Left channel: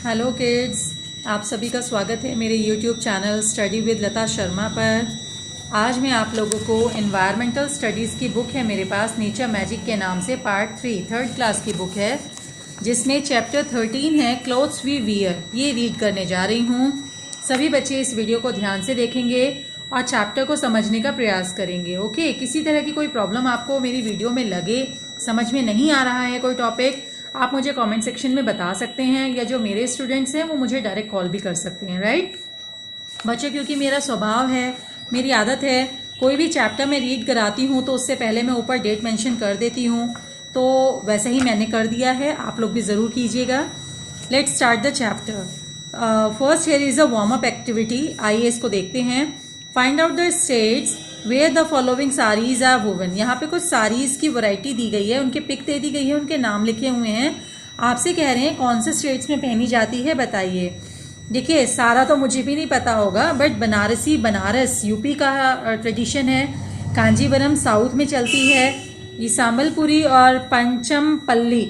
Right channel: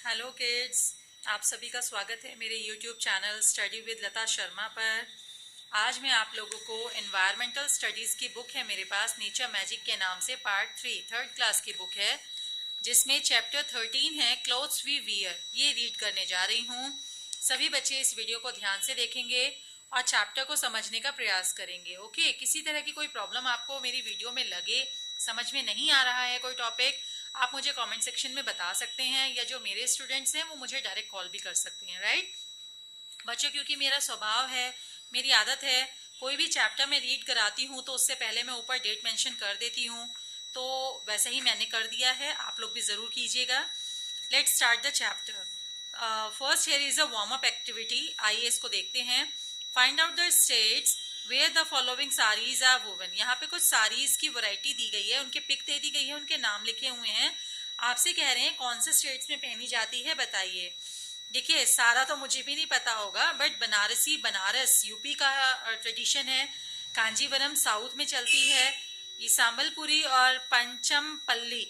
Hello kids, आप सभी का स्वागत है मेरे यूट्यूब चैनल स्टडी विद लता शर्मा पर। आज मैं आप लोगों को एनवायरमेंटल स्टडीज़ की बुक है मेरे पास, नेचर मैजिक के नाम से, पार्ट 3 थर्ड क्लास की बुक है, जिसमें चैप्टर 13 है क्लोथ्स वी वियर। ये रीड करने जा रही हूँ। सभी बच्चे इस वीडियो को ध्यान से देखेंगे और चैप्टर को समझने का प्रयास करेंगे। ओके, किसी तरह की कोई प्रॉब्लम आपको मेरी वीडियो में लगे, समझ में नहीं आ रहा है कोई टॉपिक, आप मुझे कमेंट सेक्शन में बता सकते हैं, या जो मेरे स्टूडेंट्स हैं वो मुझे डायरेक्ट कॉल भी कर सकते हैं। राइट बच्चों, क्योंकि मेरा स्वभाव है, मेरी आदत है, कोई भी चैप्टर में रीड कराती हूँ तो उससे पहले मैं ऊपर डेट मेंशन कर देती हूँ। तो वैसे ही मैंने कर दिया है, आप लोग भी ज़रूर कीजिएगा। Let's start the chapter. First here is a warm up activity. आइए इसको देखते हैं। Find out the states where the following saris are woven. यहाँ पे कुछ साड़ीज की वैरायटी दी गई है, उनके पिक दे दी गई है, उनके नाम लिखे हुए हैं। आपसे कह रहे हैं कौन से स्टेट्स में पहनी जाती है, बताइए। देखिए, सारा तो मुझे भी नहीं पता होगा, बट बनारस यूपी का ट्रेडिशन है। कांजीवरम साउथ में चलती है। ये संबलपुरी और Panchampalli,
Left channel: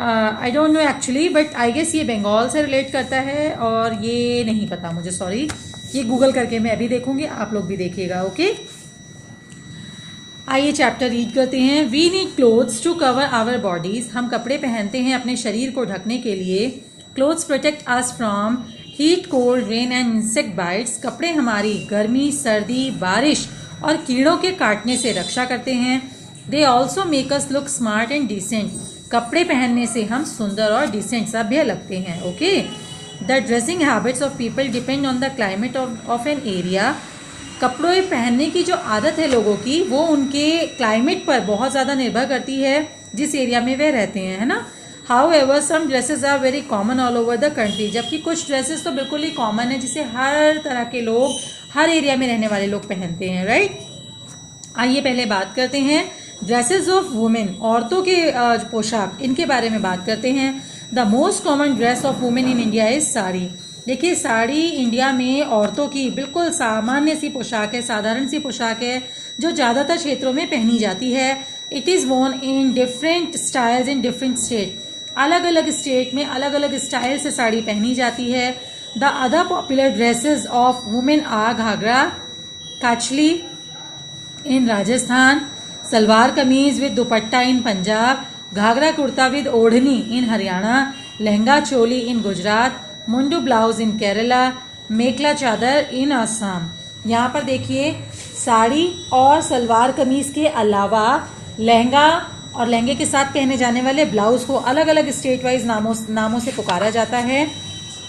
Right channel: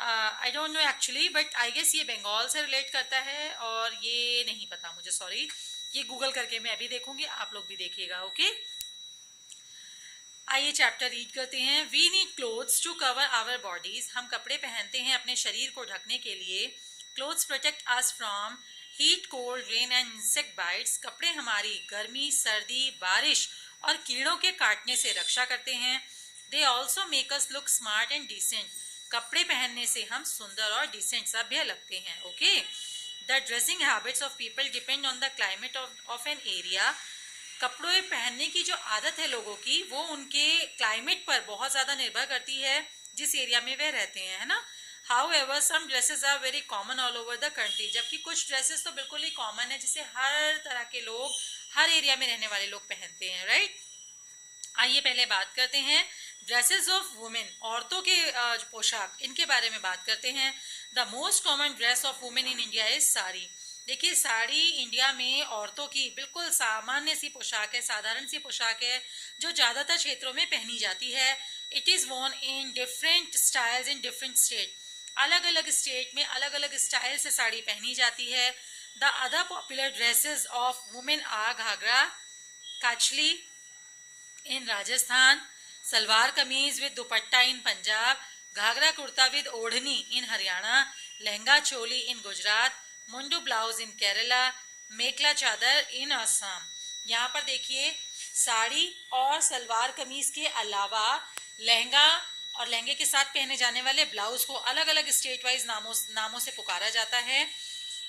I don't know actually, but I guess ये बंगाल से रिलेट करता है, और ये नहीं पता मुझे, सॉरी। ये गूगल करके मैं अभी देखूंगी, आप लोग भी देखिएगा। ओके, आइए चैप्टर रीड करते हैं। We need clothes to cover our bodies. हम कपड़े पहनते हैं अपने शरीर को ढकने के लिए। Clothes protect us from heat, cold, rain and insect bytes. कपड़े हमारी गर्मी, सर्दी, बारिश और कीड़ों के काटने से रक्षा करते हैं। They also make us look smart and decent. कपड़े पहनने से हम सुंदर और डिसेंट, सभ्य लगते हैं। Okay, the dressing habits of people depend on the climate of an area. कपड़े पहनने की जो आदत है लोगों की, वो उनके क्लाइमेट पर बहुत ज़्यादा निर्भर करती है, जिस एरिया में वे रहते हैं, है ना। However some dresses are very common all over the country. जबकि कुछ ड्रेसेस तो बिल्कुल ही कॉमन है, जिसे हर तरह के लोग, हर एरिया में रहने वाले लोग पहनते हैं। राइट, आइए पहले बात करते हैं ड्रेसेस ऑफ वुमेन, औरतों के पोशाक, इनके बारे में बात करते हैं। The most common dress of women in India is sari. देखिए, साड़ी इंडिया में औरतों की बिल्कुल सामान्य सी पोशाक है, साधारण सी पोशाक है, जो ज़्यादातर क्षेत्रों में पहनी जाती है। It is worn in different styles in different state. अलग अलग स्टेट में अलग अलग स्टाइल से साड़ी पहनी जाती है। The other popular dresses of women are ghagra, kachli in Rajasthan, salwar kameez with dupatta in Punjab, ghagra kurta with odhni in Haryana, lehenga choli in Gujarat, mundu blouse in Kerala, mekhela chador in Assam. यहाँ पर देखिए, साड़ी और सलवार कमीज के अलावा लहंगा और लहंगे के साथ पहने जाने वाले ब्लाउज को अलग अलग स्टेट वाइज नामों से पुकारा जाता है।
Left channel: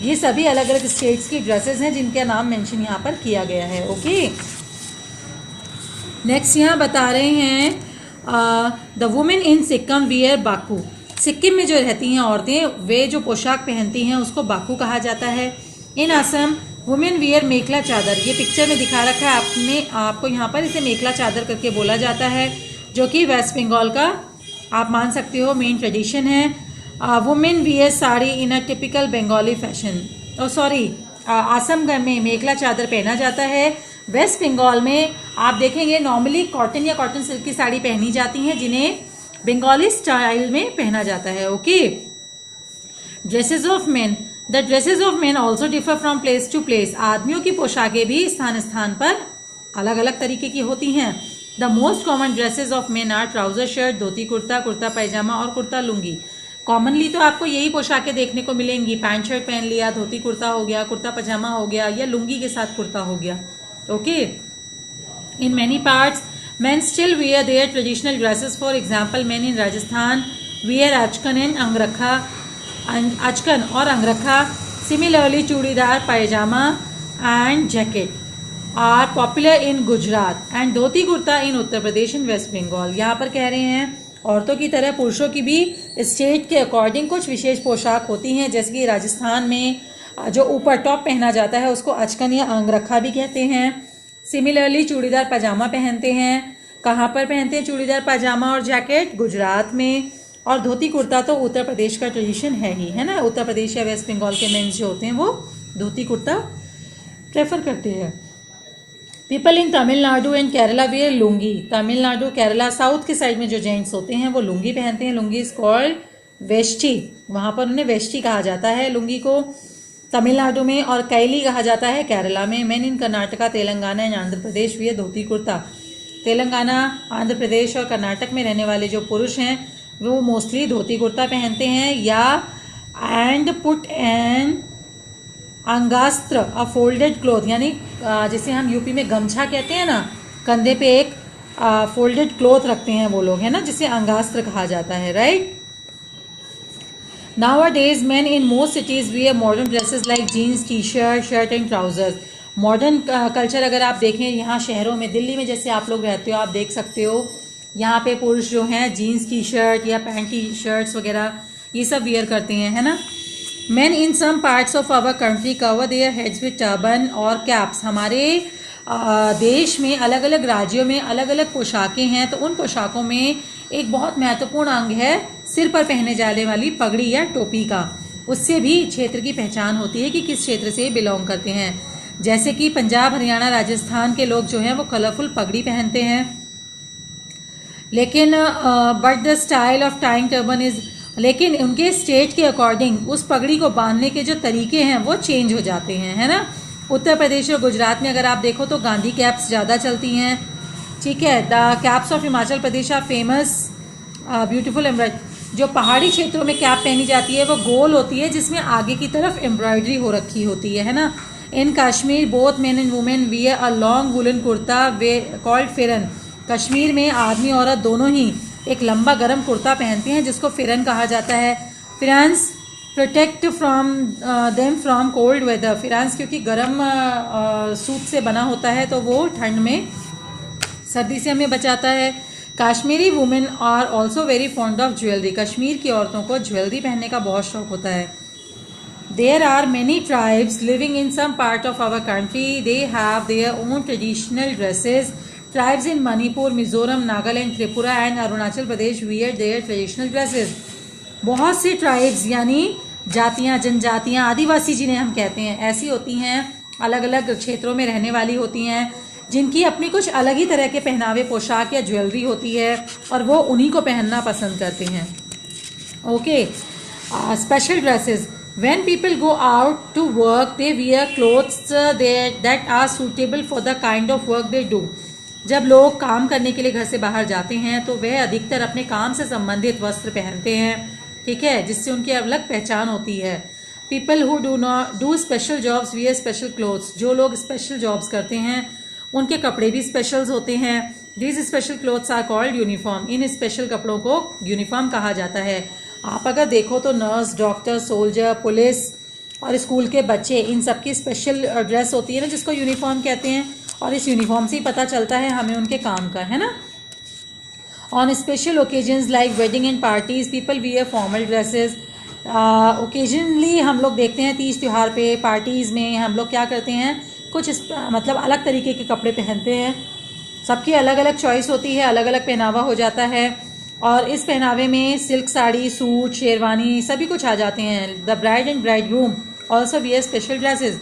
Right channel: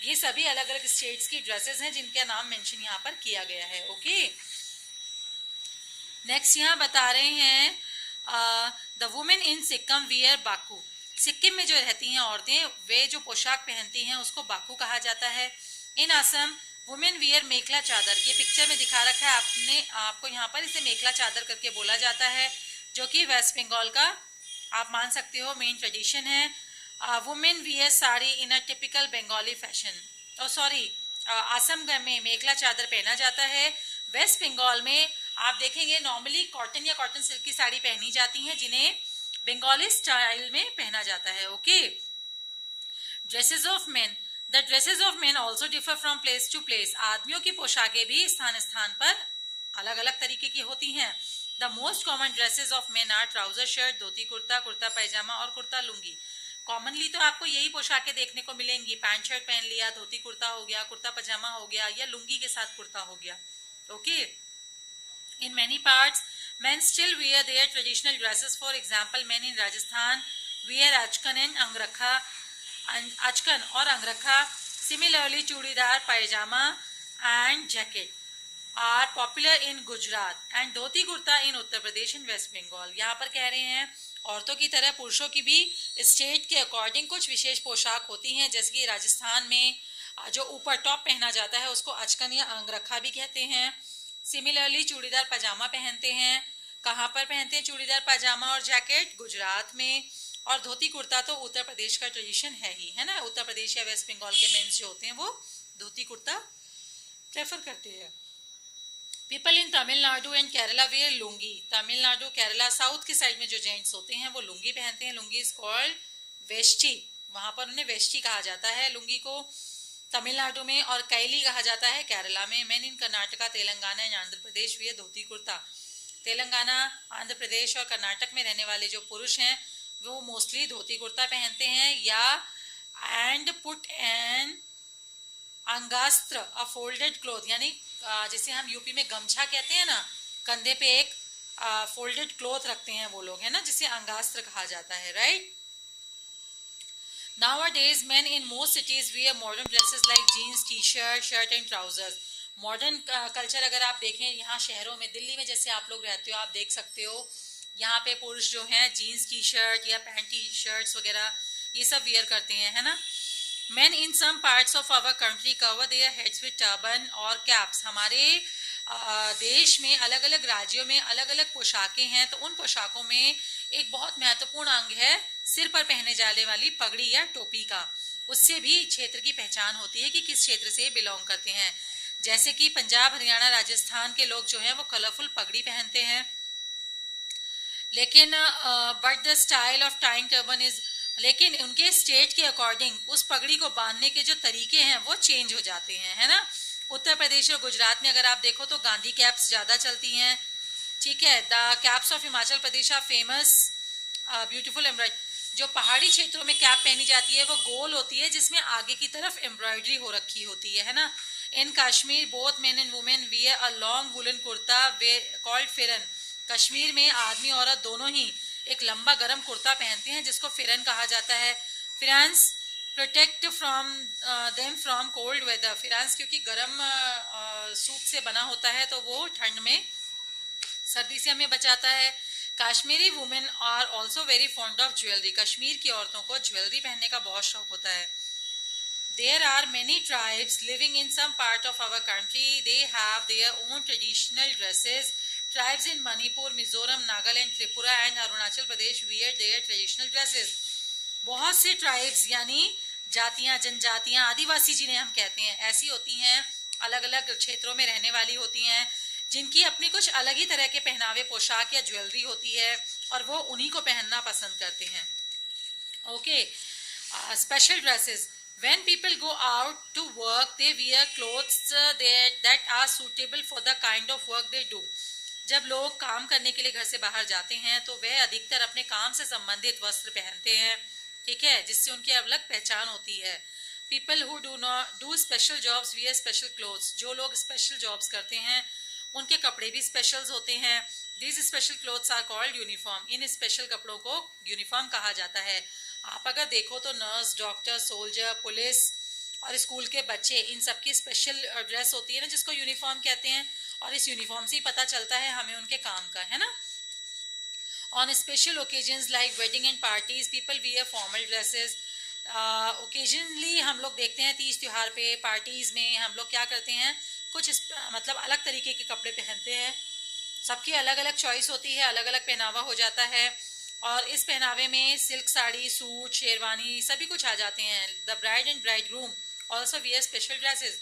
ये सभी अलग अलग स्टेट्स की ड्रेसेस हैं, जिनका नाम मेंशन यहाँ पर किया गया है। ओके, नेक्स्ट यहाँ बता रहे हैं the women in Sikkim wear Baku. Sikkim में जो रहती हैं औरतें, वे जो पोशाक पहनती हैं उसको बाकू कहा जाता है। इन असम वुमेन वियर मेखला चादर। ये पिक्चर में दिखा रखा है आपको यहाँ पर, इसे मेखला चादर करके बोला जाता है, जो कि वेस्ट बंगाल का आप मान सकते हो मेन ट्रेडिशन है। Women wear sari in a typical Bengali fashion. Assam में मेखला चादर पहना जाता है। वेस्ट बंगाल में आप देखेंगे नॉर्मली कॉटन या कॉटन सिल्क की साड़ी पहनी जाती हैं, जिन्हें बंगाली स्टाइल में पहना जाता है। Okay, dresses of men. The dresses of men also differ from place to place. आदमियों की पोशाकें भी स्थान स्थान पर अलग अलग तरीके की होती हैं। The most common dresses of men are trouser shirt, dhoti kurta, kurta pyjama और कुर्ता लुंगी। कॉमनली तो आपको यही पोशाकें देखने को मिलेंगी। पैंट शर्ट पहन लिया, धोती कुर्ता हो गया, कुर्ता पजामा हो गया, या लुंगी के साथ कुर्ता हो गया। Okay, in many parts men still wear their traditional dresses. For example, men in Rajasthan wear achkan and angrakha, achkan और angrakha. Similarly, churidar, pyjama and jacket are popular in Gujarat and dhoti kurta in Uttar Pradesh and West Bengal. यहाँ पर कह रहे हैं औरतों की तरह पुरुषों की भी स्टेट के अकॉर्डिंग कुछ विशेष पोशाक होती हैं, जैसे कि राजस्थान में जो ऊपर टॉप पहना जाता है उसको अचकन या अंगरखा भी कहते हैं। सिमिलरली चूड़ीदार पजामा पहनते हैं। कहाँ पर पहनते हैं चूड़ीदार पजामा और जैकेट? गुजरात में। और धोती कुर्ता तो उत्तर प्रदेश का ट्रेडिशन है ही, है ना। उत्तर प्रदेश या वेस्ट बंगाल के मेंस जो होते हैं वो धोती कुर्ता प्रेफर करते हैं। People in Tamil Nadu and Kerala where lungi. Tamil Nadu, Kerala, south के साइड में जो जेंट्स होते हैं वो लुंगी पहनते हैं। लुंगी इज कॉल्ड वेष्टी, वहाँ पर उन्हें वेष्टी कहा जाता है लुंगी को, तमिलनाडु में, और कैली कहा जाता है केरला में। Men in Karnataka, Telangana and Andhra Pradesh wear dhoti kurta. Telangana, Andhra Pradesh और कर्नाटक में रहने वाले जो पुरुष हैं वो मोस्टली धोती कुर्ता पहनते हैं, या and put an angavastram a folded cloth, यानी जैसे हम यूपी में गमछा कहते हैं ना, कंधे पे एक फोल्डेड क्लोथ रखते हैं वो लोग, है ना, जिसे अंगास्त्र कहा जाता है, right. Nowadays, men in most cities wear modern dresses like jeans, t-shirt, shirt and trousers. Modern culture अगर आप देखें यहाँ शहरों में, दिल्ली में जैसे आप लोग रहते हो, आप देख सकते हो यहाँ पे पुरुष जो हैं जीन्स टी शर्ट या पैंट टी शर्ट्स वगैरह ये सब वियर करते हैं, है ना। Men in some parts of our country cover their heads with turban और कैप्स। हमारे देश में अलग अलग राज्यों में अलग अलग पोशाकें हैं, तो उन पोशाकों में एक बहुत महत्वपूर्ण अंग है सिर पर पहने जाने वाली पगड़ी या टोपी का। उससे भी क्षेत्र की पहचान होती है कि किस क्षेत्र से बिलोंग करते हैं। जैसे कि पंजाब, हरियाणा, राजस्थान के लोग जो हैं वो कलरफुल पगड़ी पहनते हैं, लेकिन but the style of tying turban is, लेकिन उनके स्टेट के अकॉर्डिंग उस पगड़ी को बांधने के जो तरीके हैं वो चेंज हो जाते हैं, है ना। उत्तर प्रदेश और गुजरात में अगर आप देखो तो गांधी कैप्स ज़्यादा चलती हैं, ठीक है। The caps of Himachal Pradesh are famous beautiful embroidery. जो पहाड़ी क्षेत्रों में कैप पहनी जाती है वो गोल होती है जिसमें आगे की तरफ एम्ब्रॉयडरी हो रखी होती है ना। In Kashmir both men and women wear a long woollen kurta we called pheran. Kashmir में आदमी औरत दोनों ही एक लंबा गर्म कुर्ता पहनते हैं जिसको फिरन कहा जाता है। Pherans protect from them from cold weather. Pherans क्योंकि गर्म सूत से बना होता है तो वो ठंड में, सर्दी से हमें बचाता है। Kashmiri women are also very fond of jewellery. Kashmir की औरतों को ज्वेलरी पहनने का बहुत शौक होता है। There are many tribes living in some part of our country, they have their own traditional dresses. Tribes in Manipur, Mizoram, Nagaland, Tripura and Arunachal Pradesh wear their traditional dresses. बहुत सी ट्राइब्स यानी जातियाँ, जनजातियाँ, आदिवासी जिन्हें हम कहते हैं, ऐसी होती हैं, अलग अलग क्षेत्रों में रहने वाली होती हैं, जिनकी अपनी कुछ अलग ही तरह के पहनावे, पोशाक या ज्वेलरी होती है और वो उन्हीं को पहनना पसंद करते हैं। Okay, special dresses. When people go out to work they wear clothes that are suitable for the kind of work they do. जब लोग काम करने के लिए घर से बाहर जाते हैं तो वह अधिकतर अपने काम से संबंधित वस्त्र पहनते हैं, ठीक है, जिससे उनकी अलग पहचान होती है। People who do not do special jobs wear special clothes. जो लोग स्पेशल जॉब्स करते हैं उनके कपड़े भी स्पेशल्स होते हैं। These special clothes are called uniform. इन स्पेशल कपड़ों को यूनिफॉर्म कहा जाता है। आप अगर देखो तो नर्स, डॉक्टर, सोल्जर, पुलिस और स्कूल के बच्चे, इन सब की स्पेशल ड्रेस होती है ना, जिसको यूनिफॉर्म कहते हैं, और इस यूनिफॉर्म से ही पता चलता है हमें उनके काम का, है ना। On special occasions like wedding and parties people wear formal dresses. Occasionally हम लोग देखते हैं तीज त्यौहार पे, पार्टीज़ में हम लोग क्या करते हैं, कुछ मतलब अलग तरीके के कपड़े पहनते हैं। सबकी अलग अलग चॉइस होती है, अलग अलग पहनावा हो जाता है, और इस पहनावे में सिल्क साड़ी, सूट, शेरवानी सभी कुछ आ जाते हैं। The bride and bride groom also wear special dresses.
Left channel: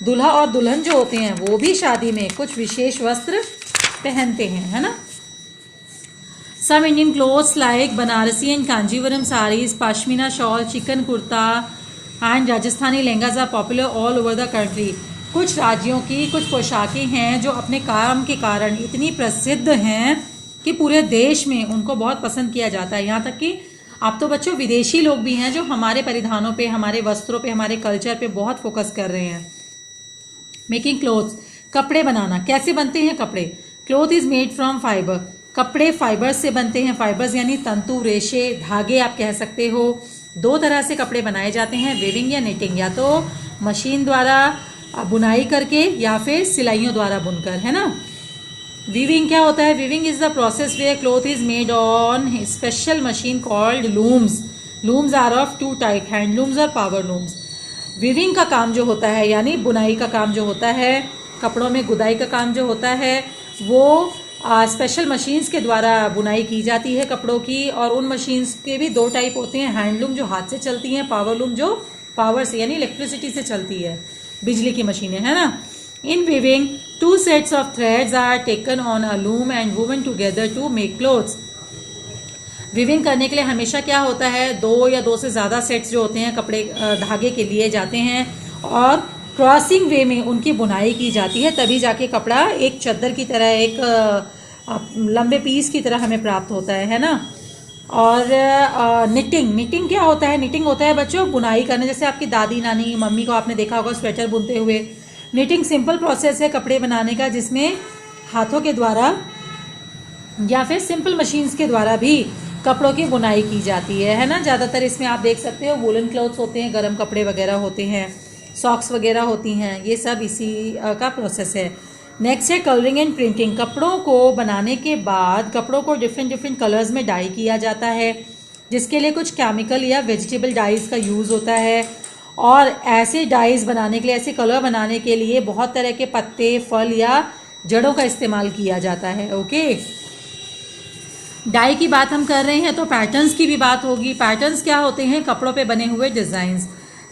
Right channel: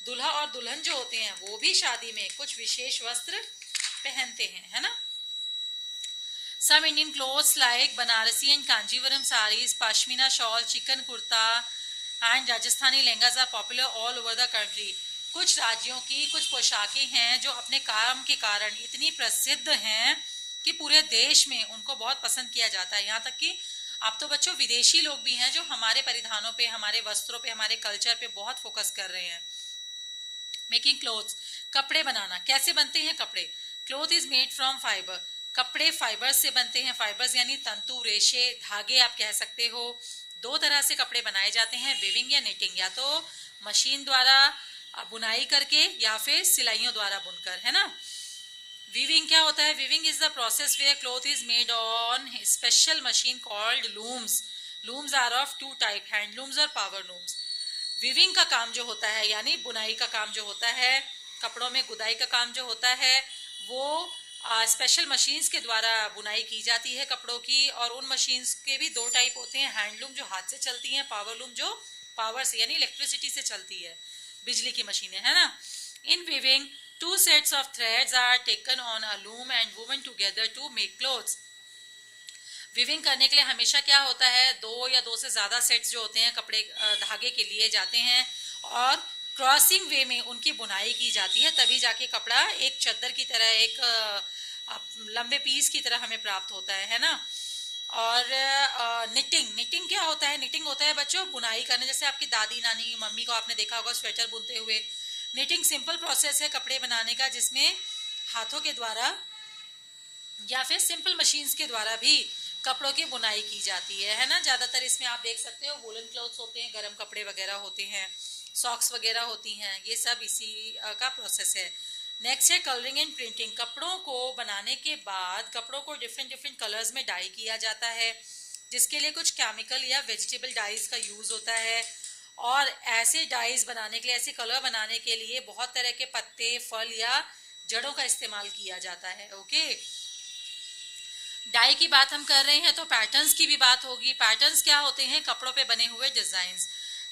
दूल्हा और दुल्हन जो होते हैं वो भी शादी में कुछ विशेष वस्त्र पहनते हैं, है ना। Some Indian clothes like Banarasi and Kanjeevaram saris, pashmina shawl, chikan kurta and Rajasthani lehengas are popular all over the country. कुछ राज्यों की कुछ पोशाकें हैं जो अपने काम के कारण इतनी प्रसिद्ध हैं कि पूरे देश में उनको बहुत पसंद किया जाता है। यहाँ तक कि अब तो बच्चों विदेशी लोग भी हैं जो हमारे परिधानों पे, हमारे वस्त्रों पे, हमारे कल्चर पे बहुत फोकस कर रहे हैं। मेकिंग क्लोथ्स, कपड़े बनाना। कैसे बनते हैं कपड़े? Cloth is made from fibre. कपड़े फाइबर्स से बनते हैं। फाइबर्स यानी तंतु, रेशे, धागे आप कह सकते हो। दो तरह से कपड़े बनाए जाते हैं, वेविंग या निटिंग, या तो मशीन द्वारा बुनाई करके या फिर सिलाइयों द्वारा बुनकर, है ना। वीविंग क्या होता है? Weaving is the process where cloth is made on special machine called looms. Looms are of two type, handlooms और पावर लूम्स। वीविंग का काम जो होता है यानी बुनाई का काम जो होता है, कपड़ों में गुदाई का काम जो होता है, वो स्पेशल मशीन्स के द्वारा बुनाई की जाती है कपड़ों की। और उन मशीन्स के भी दो टाइप होते हैं, हैंडलूम जो हाथ से चलती हैं, पावर लूम जो पावर से यानी इलेक्ट्रिसिटी से चलती है, बिजली की मशीनें, है ना। इन weaving 2 sets of threads are taken on a loom and woven together to make clothes. Viewing करने के लिए हमेशा क्या होता है, 2 या 2 से ज़्यादा सेट्स जो होते हैं कपड़े धागे के लिए जाते हैं और क्रॉसिंग वे में उनकी बुनाई की जाती है, तभी जाके कपड़ा एक चद्दर की तरह, एक लंबे पीस की तरह हमें प्राप्त होता है ना। और निटिंग क्या होता है? निटिंग होता है बच्चों बुनाई करना, जैसे आपकी दादी नानी मम्मी को आपने देखा होगा स्वेटर बुनते हुए। निटिंग सिंपल प्रोसेस है कपड़े बनाने का, जिसमें हाथों के द्वारा या फिर सिंपल मशीन्स के द्वारा भी कपड़ों की बुनाई की जाती है ना। ज़्यादातर इसमें आप देख सकते हो वूलन क्लॉथ्स होते हैं, गर्म कपड़े वगैरह होते हैं, सॉक्स वगैरह होती हैं, ये सब इसी का प्रोसेस है। नेक्स्ट है कलरिंग एंड प्रिंटिंग। कपड़ों को बनाने के बाद कपड़ों को डिफरेंट कलर्स में डाई किया जाता है, जिसके लिए कुछ केमिकल या वेजिटेबल डाइज का यूज़ होता है। और ऐसे डाइज बनाने के लिए, ऐसे कलर बनाने के लिए बहुत तरह के पत्ते, फल या जड़ों का इस्तेमाल किया जाता है। ओके, डाई की बात हम कर रहे हैं तो पैटर्न्स की भी बात होगी। पैटर्न्स क्या होते हैं? कपड़ों पे बने हुए डिज़ाइंस।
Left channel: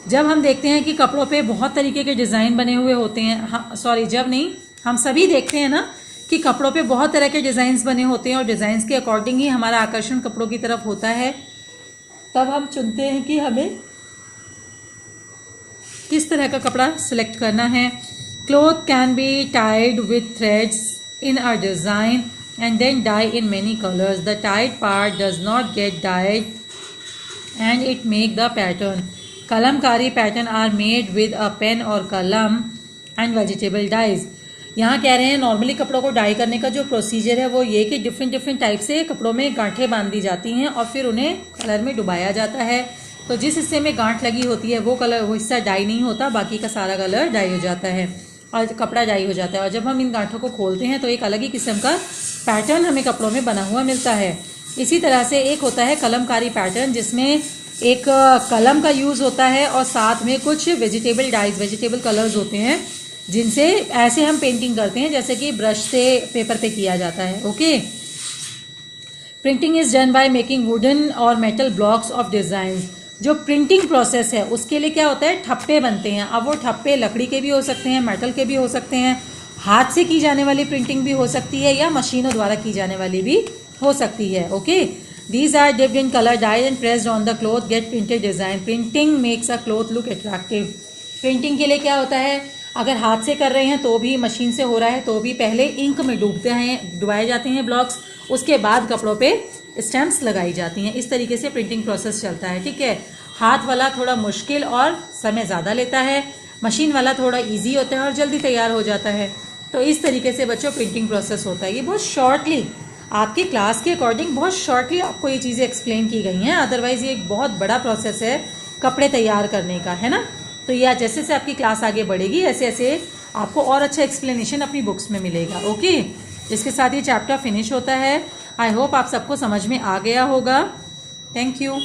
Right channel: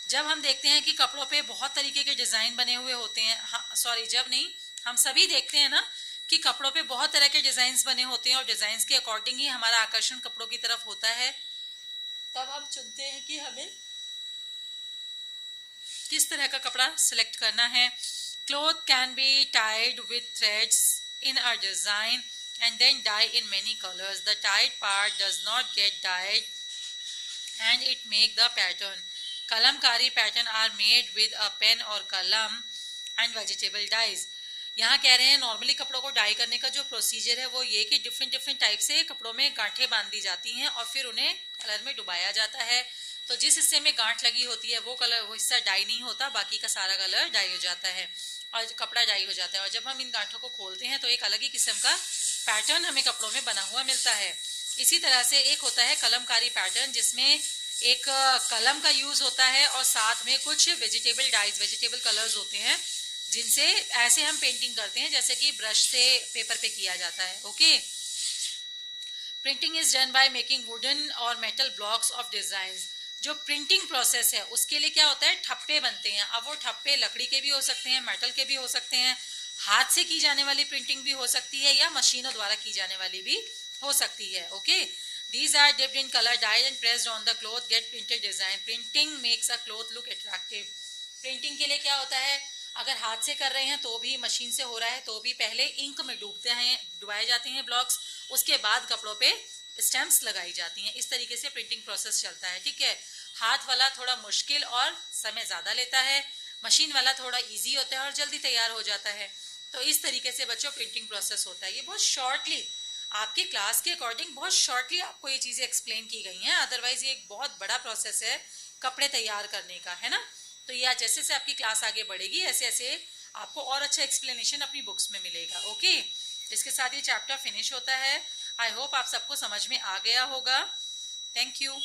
जब हम देखते हैं कि कपड़ों पे बहुत तरीके के डिज़ाइन बने हुए होते हैं, हाँ सॉरी जब नहीं, हम सभी देखते हैं ना कि कपड़ों पे बहुत तरह के डिज़ाइंस बने होते हैं और डिज़ाइंस के अकॉर्डिंग ही हमारा आकर्षण कपड़ों की तरफ होता है। तब हम चुनते हैं कि हमें किस तरह का कपड़ा सिलेक्ट करना है। Cloth can be tied with threads in a design and then dye in many colors. The tied part does not get dyed and it make the pattern. Kalamkari pattern are made with a pen और kalam and vegetable dies. यहाँ कह रहे हैं normally कपड़ों को die करने का जो प्रोसीजर है वो ये कि डिफरेंट टाइप से कपड़ों में गांठें बांध दी जाती हैं और फिर उन्हें कलर में डुबाया जाता है। तो जिस हिस्से में गांठ लगी होती है वो हिस्सा डाई नहीं होता, बाकी का सारा कलर डाई हो जाता है और कपड़ा डाई हो जाता है। और जब हम इन गांठों को खोलते हैं तो एक अलग ही किस्म का पैटर्न हमें कपड़ों में बना हुआ मिलता है। इसी तरह से एक होता है कलमकारी पैटर्न, जिसमें एक कलम का यूज़ होता है और साथ में कुछ वेजिटेबल डाइज, वेजिटेबल कलर्स होते हैं, जिनसे ऐसे हम पेंटिंग करते हैं जैसे कि ब्रश से पेपर पे किया जाता है। Okay, printing is done by making wooden और मेटल ब्लॉक्स ऑफ डिज़ाइंस। जो प्रिंटिंग प्रोसेस है उसके लिए क्या होता है, ठप्पे बनते हैं। अब वो ठप्पे लकड़ी के भी हो सकते हैं, मेटल के भी हो सकते हैं, हाथ से की जाने वाली प्रिंटिंग भी हो सकती है या मशीनों द्वारा की जाने वाली भी हो सकती है। Okay, these are dipped in colour dyed and pressed on the cloth get printed design. Printing makes a cloth look attractive. Printing के लिए क्या होता है, अगर हाथ से कर रहे हैं तो भी, मशीन से हो रहा है तो भी, पहले इंक में डुबाए जाते हैं ब्लॉक्स, उसके बाद कपड़ों पे स्टैम्प्स लगाई जाती हैं। इस तरीके से प्रिंटिंग प्रोसेस चलता है। ठीक है, हाथ वाला थोड़ा मुश्किल और समय ज़्यादा लेता है, मशीन वाला थोड़ा इजी होता है और जल्दी तैयार हो जाता है। तो इस तरीके से बच्चों प्रिंटिंग प्रोसेस होता है। ये बहुत शॉर्टली आपकी क्लास के अकॉर्डिंग बहुत शॉर्टली आपको ये चीज़ें एक्सप्लेन की गई हैं, अदरवाइज़ ये एक बहुत बड़ा प्रोसेस है कपड़े तैयार करने का, है ना। तो ये जैसे जैसे आपकी क्लास आगे बढ़ेगी ऐसे ऐसे आपको और अच्छा एक्सप्लेनेशन अपनी बुक्स में मिलेगा। ओके, इसके साथ ये चैप्टर फिनिश होता है। आई होप आप सबको समझ में आ गया होगा। Thank you.